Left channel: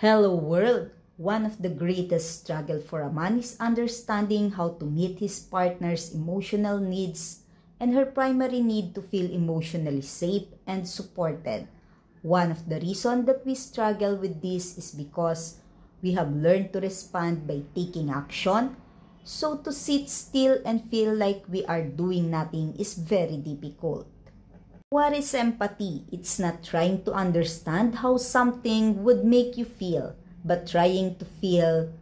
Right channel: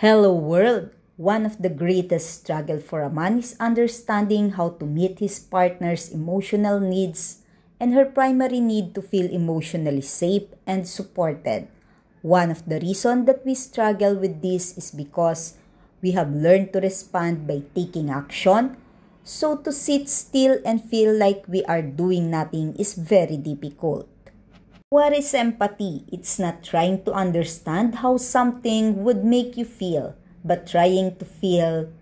Hello world! One of the greatest struggle for a man is understanding how to meet his partner's emotional needs and her primary need to feel emotionally safe and supported. One of the reasons that we struggle with this is because we have learned to respond by taking action. So to sit still and feel like we are doing nothing is very difficult. What is empathy? It's not trying to understand how something would make you feel, but trying to feel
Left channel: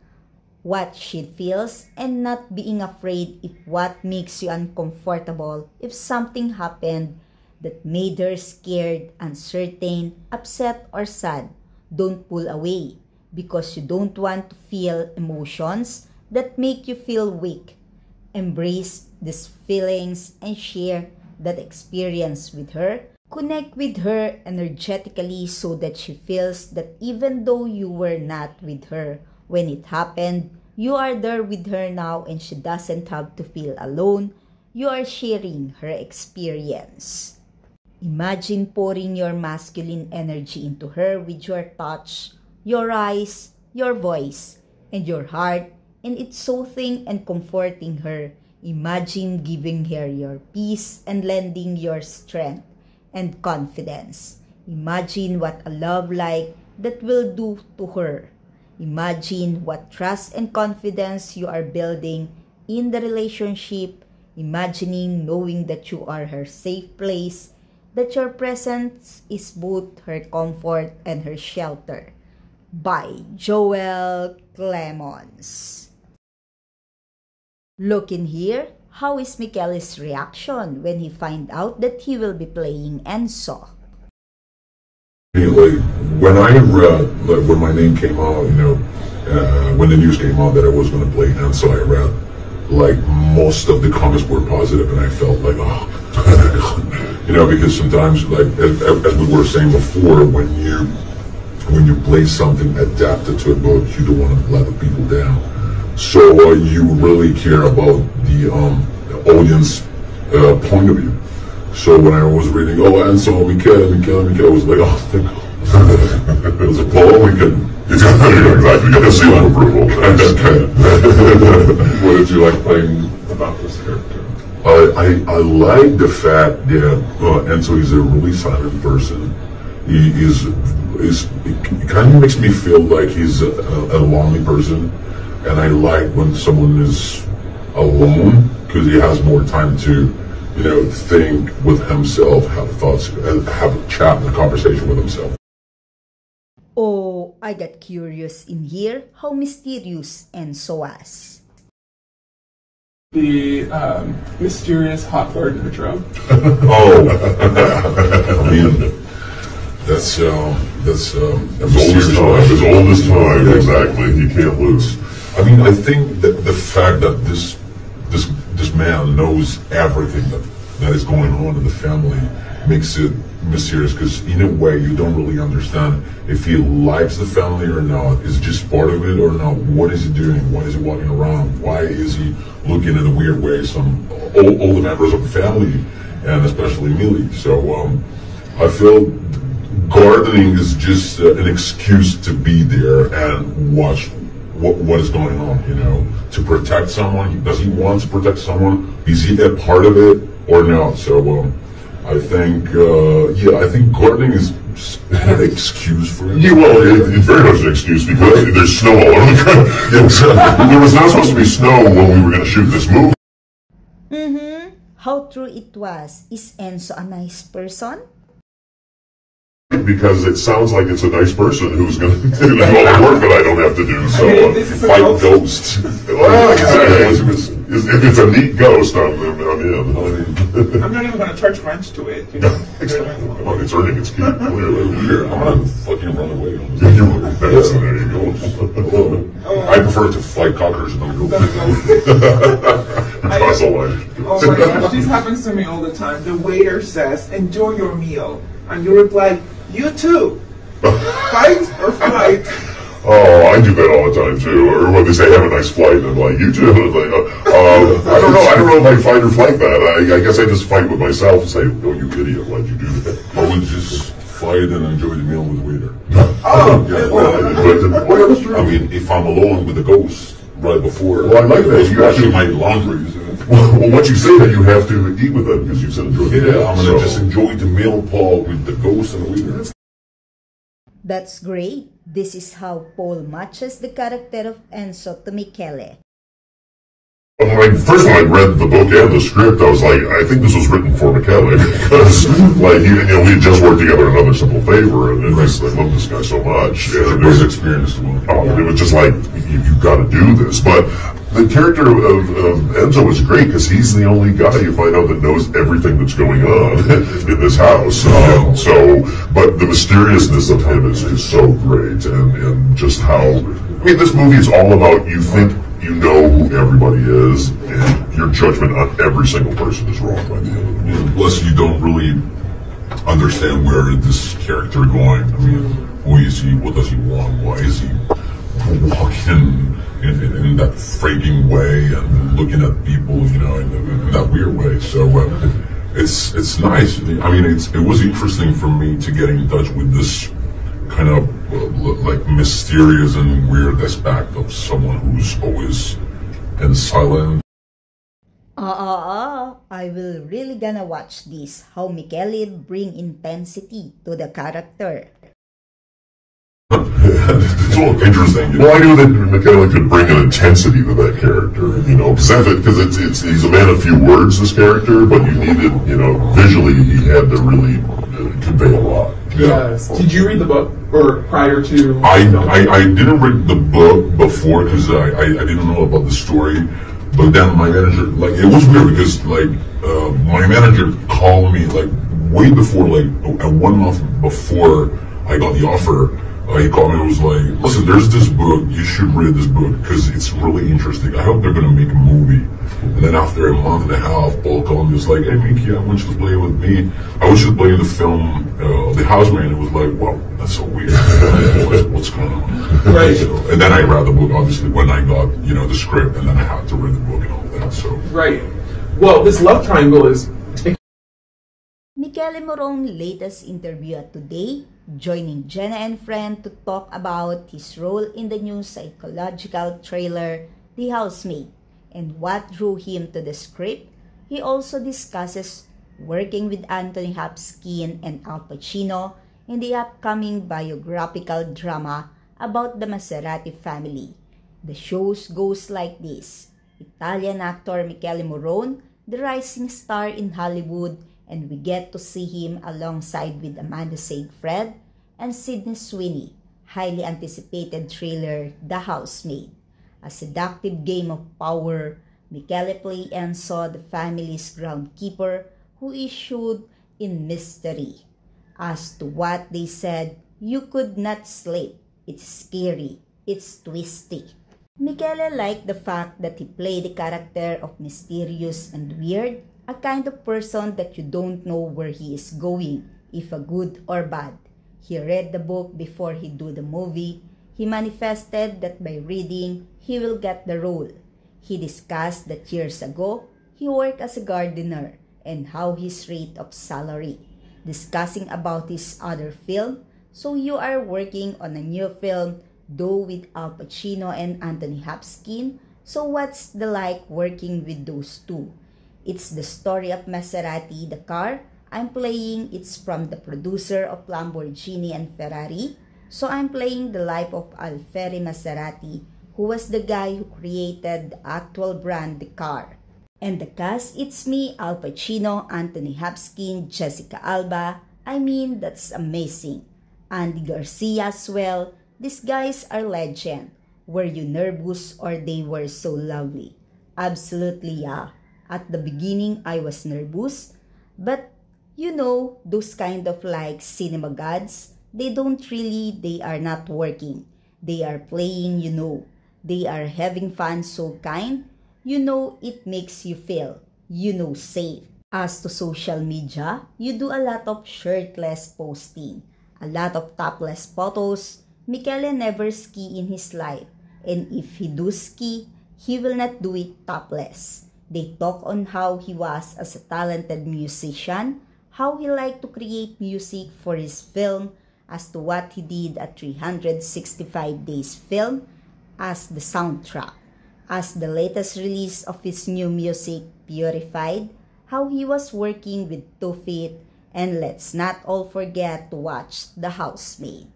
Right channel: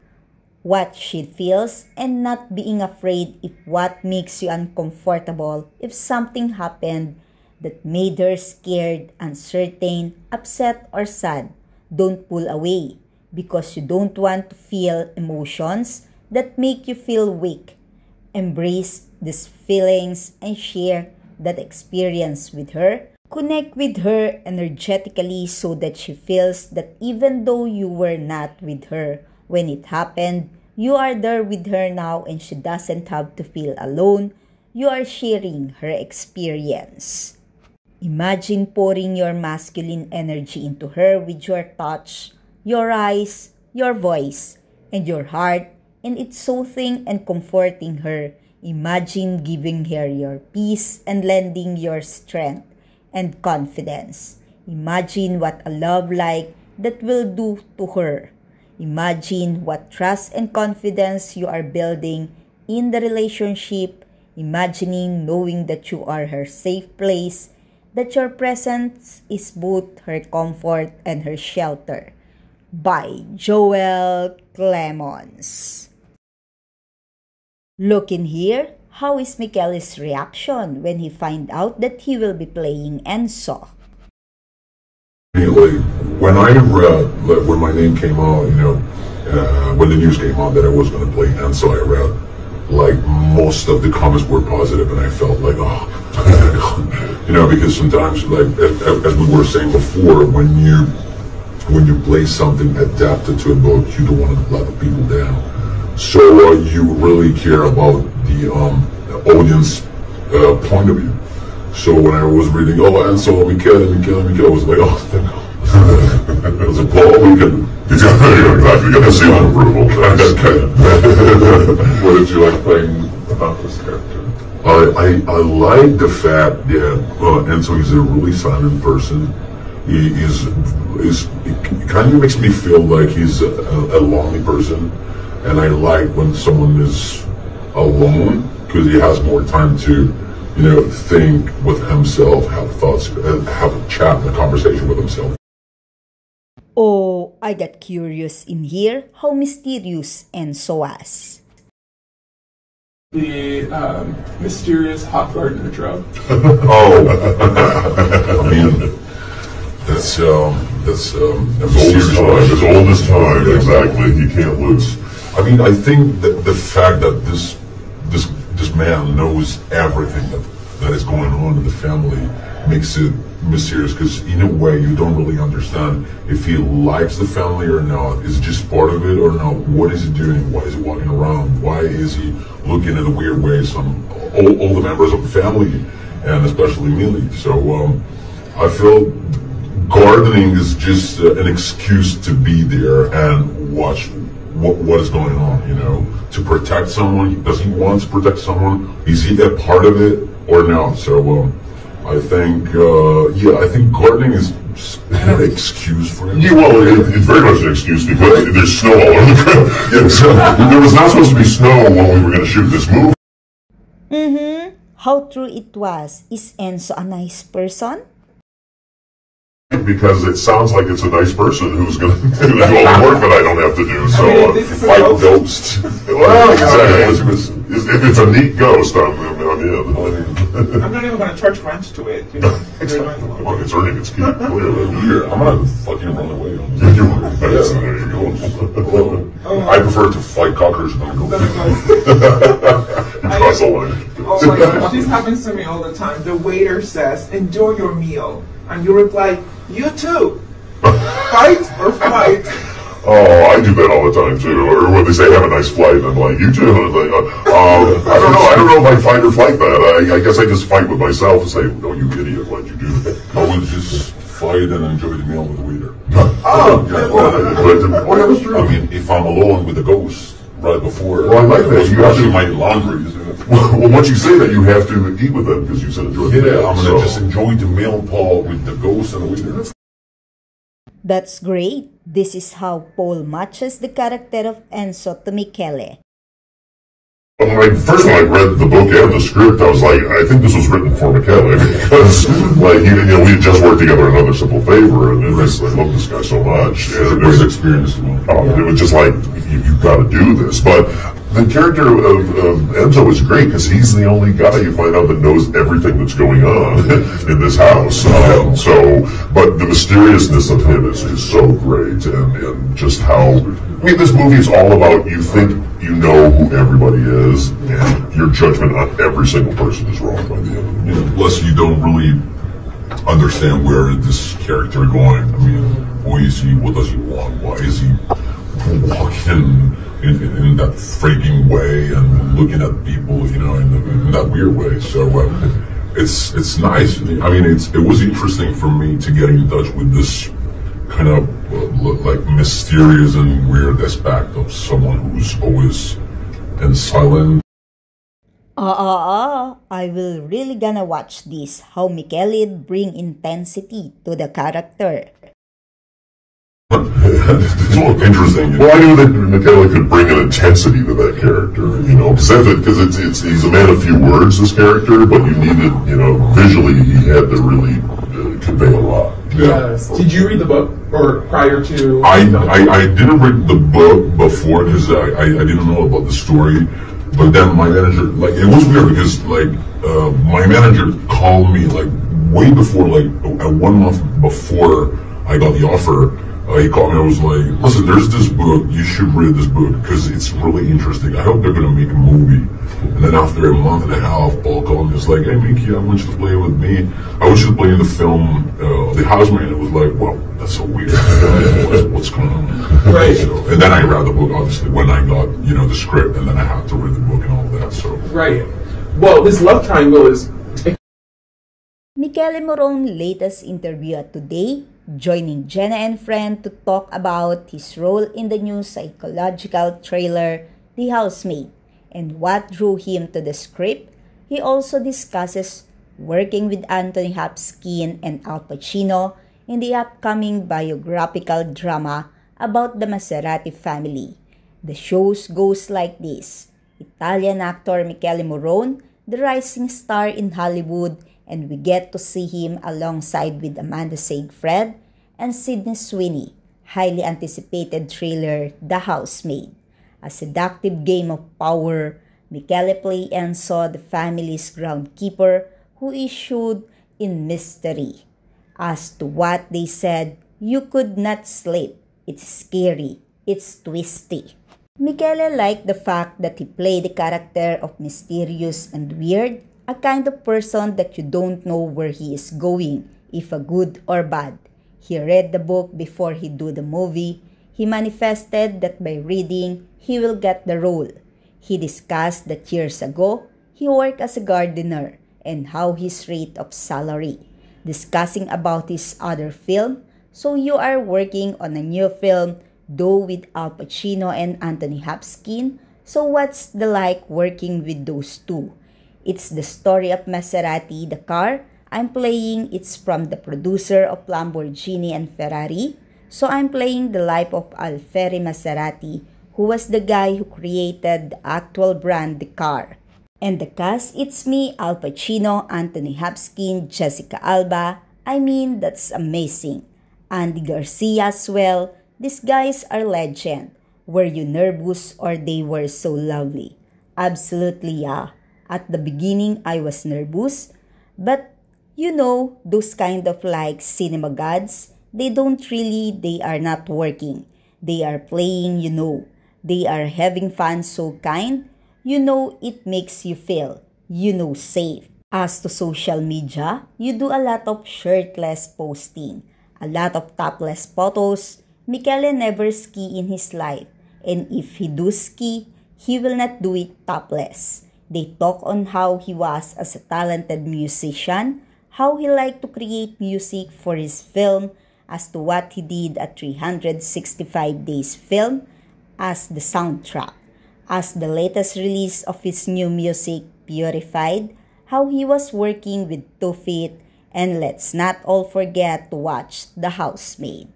what she feels and not being afraid if what makes you uncomfortable if something happened that made her scared, uncertain, upset, or sad. Don't pull away because you don't want to feel emotions that make you feel weak. Embrace these feelings and share that experience with her. Connect with her energetically so that she feels that even though you were not with her when it happened, you are there with her now and she doesn't have to feel alone. You are sharing her experience. Imagine pouring your masculine energy into her with your touch, your eyes, your voice, and your heart, and it's soothing and comforting her. Imagine giving her your peace and lending your strength and confidence. Imagine what a love like that will do to her. Imagine what trust and confidence you are building in the relationship. Imagining knowing that you are her safe place, that your presence is both her comfort and her shelter. By Joel Clemons. Look in here, how is Michael's reaction when he find out that he will be playing Enzo? Like when I read, like when my name came out, when the news came out that I was going to play Enzo, I read like most of the comments were positive, and I felt like, oh, because sometimes, like as we were saying before, when you play something adapted to a book, you don't want to let the people down. So you really care about the audience point of view. So when I was reading, Enzo, Michele, I was like, oh, thank God. It was a blow. We can exactly get the seal of approval. What did you like playing about this character? I like the fact that Enzo is a really silent person. He kind of makes me feel like he's a lonely person. And I like when someone is alone because he has more time to, think with himself, have thoughts, have a chat, a conversation with himself. Oh, I got curious in here how mysterious Enzo was. The mysterious hot garden drug. I mean, that's as old as time, exactly. He can't lose. I mean, I think that the fact that this man knows everything that is going on in the family makes it mysterious, because in a way you don't really understand if he likes the family or not. Is it just part of it or not? What is he doing? Why is he walking around? Why is he looking in a weird way all the members of the family, and especially Millie? So I feel gardening is just an excuse to be there and watch what is going on, to protect someone. Does he want to protect someone? Is he a part of it or not? So I think gardening is an excuse for him. Yeah, well, it's very much an excuse because there's snow all over the ground. Yeah, so there was not supposed to be snow when we were going to shoot this movie. How true it was. Is Enzo a nice person? Because it sounds like it's a nice person who's going to do all the work that I don't have to do. So, like a ghost. Well, if it's a neat ghost, I'm in. I'm not even going to charge rent to it. Come on, it's earning its keep. Here, I'm gonna fucking run away. there you go. I prefer to fight cockroaches than go. Cross the line. Oh my gosh, this happens to me all the time. The waiter says, "Enjoy your meal," and you reply, "You too." Fight or flight? Oh, I do that all the time too. Or when they say have a nice flight, and I'm like, you too. And I'm like, I don't know if I fight or flight that. I guess I just fight with myself and say, oh, you idiot, why'd you do that? I would just fight outside and enjoy the meal with the waiter. Oh, yeah, that's true. I mean, if I'm alone with the ghost right before, Well, I like that. you actually my laundry. Well, once you say that, you have to eat with them because you said enjoy the meal. Yeah, I'm gonna just enjoy the meal, Paul, with the ghost and the waiter. That's great. This is how Paul matches the character of Enzo to Michele. First when I read the book and the script, I was like, I think this was written for Michele because, like, we had just worked together on Another Simple Favor, and I love this guy so much. And First experience. it was just like, you got to do this. But the character of Enzo is great because he's the only guy you find out that knows everything that's going on in this house. But the mysteriousness of him is so great, and just how, I mean, this movie is all about you think you know who everybody is, and your judgment on every single person is wrong by the end. Yeah, plus, you don't really understand where this character going. I mean, who is he? What does he want? Why is he walking in that freaking way and looking at people, you know, in that weird way? So it's nice. I mean, it was interesting for me to get in touch with this kind of like mysterious and weird aspect of someone who's always and silent. I will really gonna watch this, how Michele bring intensity to the character. It's all interesting. Well, I knew that Michele could bring an intensity to that character, you know, because he's a man of few words, this character, but you needed, you know, visually he had to really convey a lot. Yes. Did you read the book or prior to? I didn't read the book before because I didn't know about the story. But then my manager, like, it was weird because, like, my manager called me, like, way before, like, 1 month before I got the offer. He called me, I was like, listen, there's this book, you should read this book because it's really interesting. I hope they're going to make a movie. And then after a month and a half, Paul called me, he was like, hey, Mickey, I want you to play with me. I want you to play in the film, The Houseman. It was like, wow, that's so weird. What's going on? Right. So, and then I read the book, obviously, when I got, you know, the script, and then I had to read the book and all that, so. Right. Well, this love triangle is... Michele Morone latest interview at Today, joining Jenna and friend to talk about his role in the new psychological thriller, The Housemaid, and what drew him to the script. He also discusses working with Anthony Hopkins and Al Pacino in the upcoming biographical drama about the Maserati family. The show goes like this. Italian actor Michele Morone, the rising star in Hollywood, and we get to see him alongside with Amanda Seyfried and Sydney Sweeney. Highly anticipated thriller, The Housemaid. A seductive game of power, Michele play Enzo, the family's groundskeeper, who issued in mystery. As to what they said, you could not sleep. It's scary. It's twisty. Michele liked the fact that he played the character of mysterious and weird, a kind of person that you don't know where he is going, if a good or bad. He read the book before he do the movie. He manifested that by reading, he will get the role. He discussed that years ago, he worked as a gardener and how his rate of salary. Discussing about his other film, so you are working on a new film, though with Al Pacino and Anthony Hopkins, so what's the like working with those two? It's the story of Maserati, the car I'm playing. It's from the producer of Lamborghini and Ferrari. So I'm playing the life of Alfieri Maserati, who was the guy who created the actual brand, the car. And the cast, it's me, Al Pacino, Anthony Hopkins, Jessica Alba. I mean, that's amazing. Andy Garcia as well. These guys are legend. Were you nervous or they were so lovely? Absolutely, yeah. At the beginning, I was nervous, but you know, those kind of like cinema gods, they are not working. They are playing, you know. They are having fun, so kind. You know, it makes you feel, you know, safe. As to social media, you do a lot of shirtless posting, a lot of topless photos. Michele never ski in his life, and if he do ski, he will not do it topless. They talk on how he was as a talented musician, how he liked to create music for his film, as to what he did at 365 Days Film as the soundtrack, as the latest release of his new music, Purified, how he was working with 2 Feet, and let's not all forget to watch The Housemaid.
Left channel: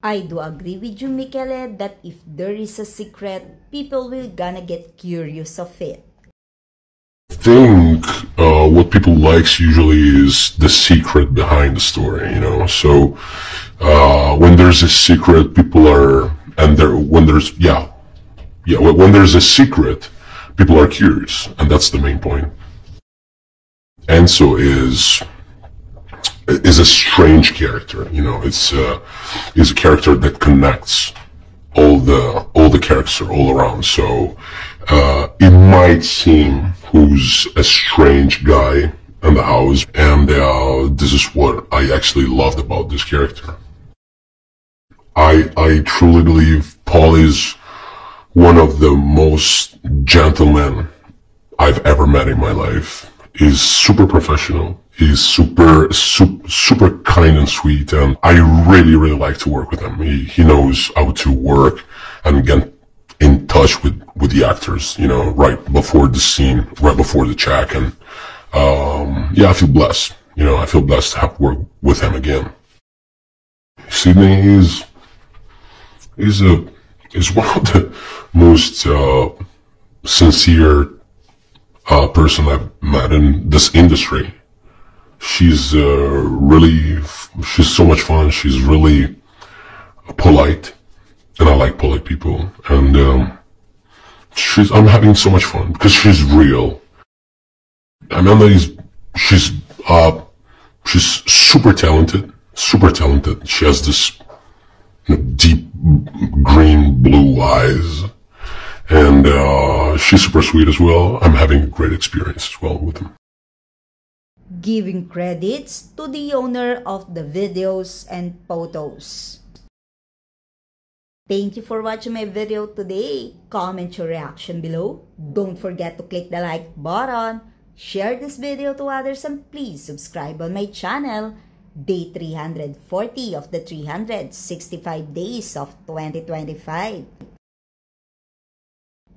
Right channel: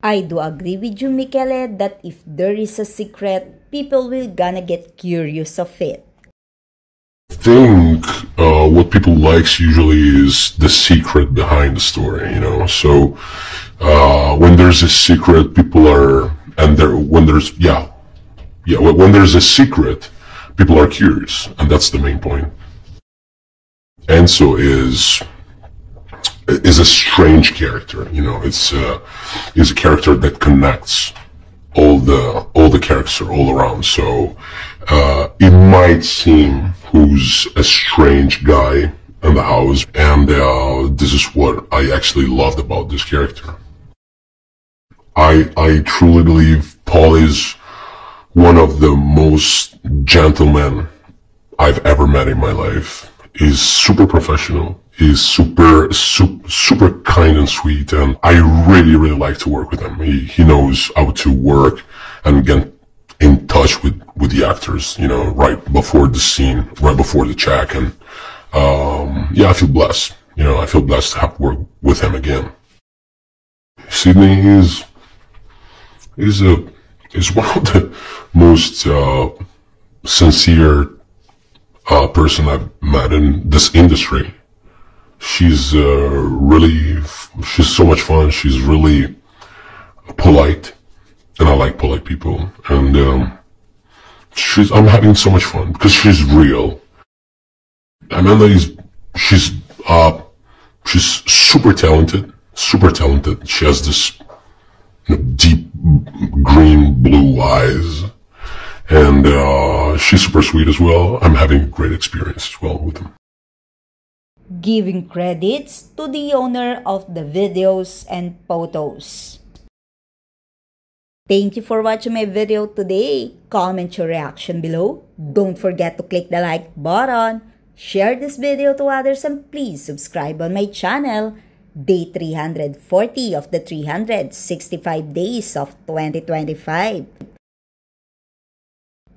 I do agree with you, Michele, that if there is a secret, people will gonna get curious of it. I think what people likes usually is the secret behind the story, you know. So when there's a secret, people are, and when there's when there's a secret, people are curious, and that's the main point. Enzo is a strange character, you know. It's a character that connects all the characters all around. So it might seem who's a strange guy in the house, and this is what I actually loved about this character. I truly believe Paul is one of the most gentlemen I've ever met in my life. He's super professional. He's super kind and sweet, and I really like to work with him. He knows how to work and get in touch with the actors, you know, right before the scene, right before the check, and yeah, I feel blessed. You know, I feel blessed to have worked with him again. Sidney is one of the most sincere person I've met in this industry. She's she's so much fun. She's really polite, and I like polite people. And I'm having so much fun because she's real. Amanda she's super talented. She has this deep green blue eyes, and she's super sweet as well. I'm having a great experience as well with him. Giving credits to the owner of the videos and photos. Thank you for watching my video today. Comment your reaction below. Don't forget to click the like button. Share this video to others, and please subscribe on my channel. Day 340 of the 365 days of 2025.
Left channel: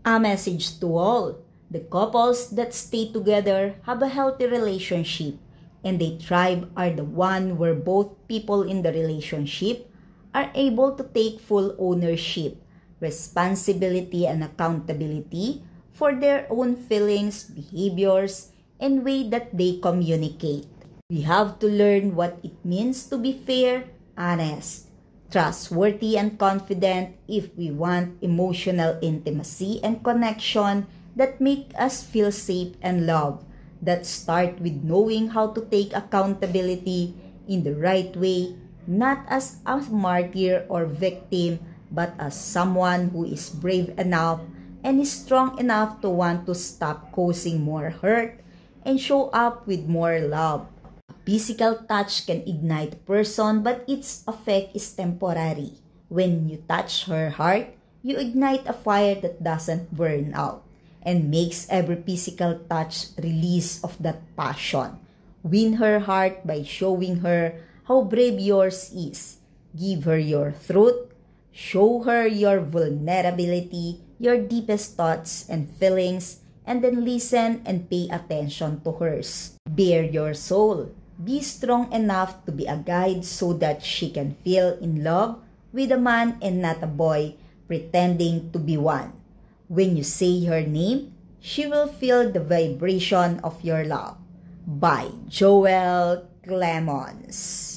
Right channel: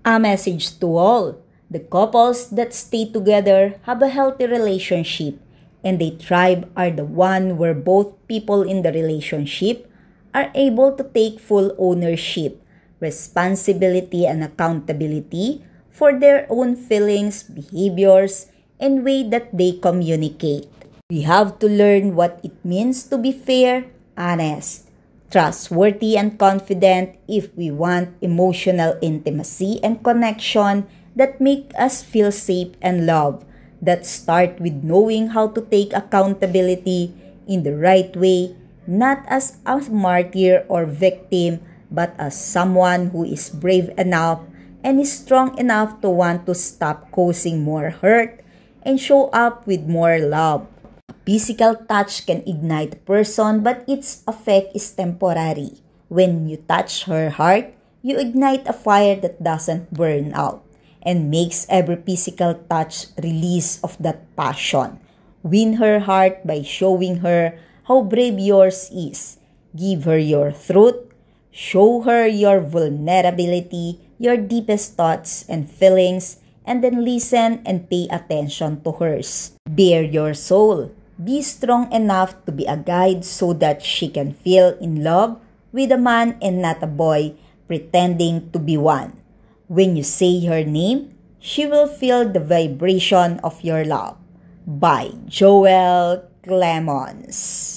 A message to all. The couples that stay together have a healthy relationship, and they thrive are the one where both people in the relationship are able to take full ownership, responsibility, and accountability for their own feelings, behaviors, and way that they communicate. We have to learn what it means to be fair, honest, trustworthy, and confident if we want emotional intimacy and connection that make us feel safe and loved, that start with knowing how to take accountability in the right way, not as a martyr or victim, but as someone who is brave enough and is strong enough to want to stop causing more hurt and show up with more love. A physical touch can ignite a person, but its effect is temporary. When you touch her heart, you ignite a fire that doesn't burn out, and makes every physical touch release of that passion. Win her heart by showing her how brave yours is. Give her your truth. Show her your vulnerability, your deepest thoughts and feelings, and then listen and pay attention to hers. Bare your soul. Be strong enough to be a guide so that she can feel in love with a man and not a boy pretending to be one. When you say her name, she will feel the vibration of your love. By Joel Clemons.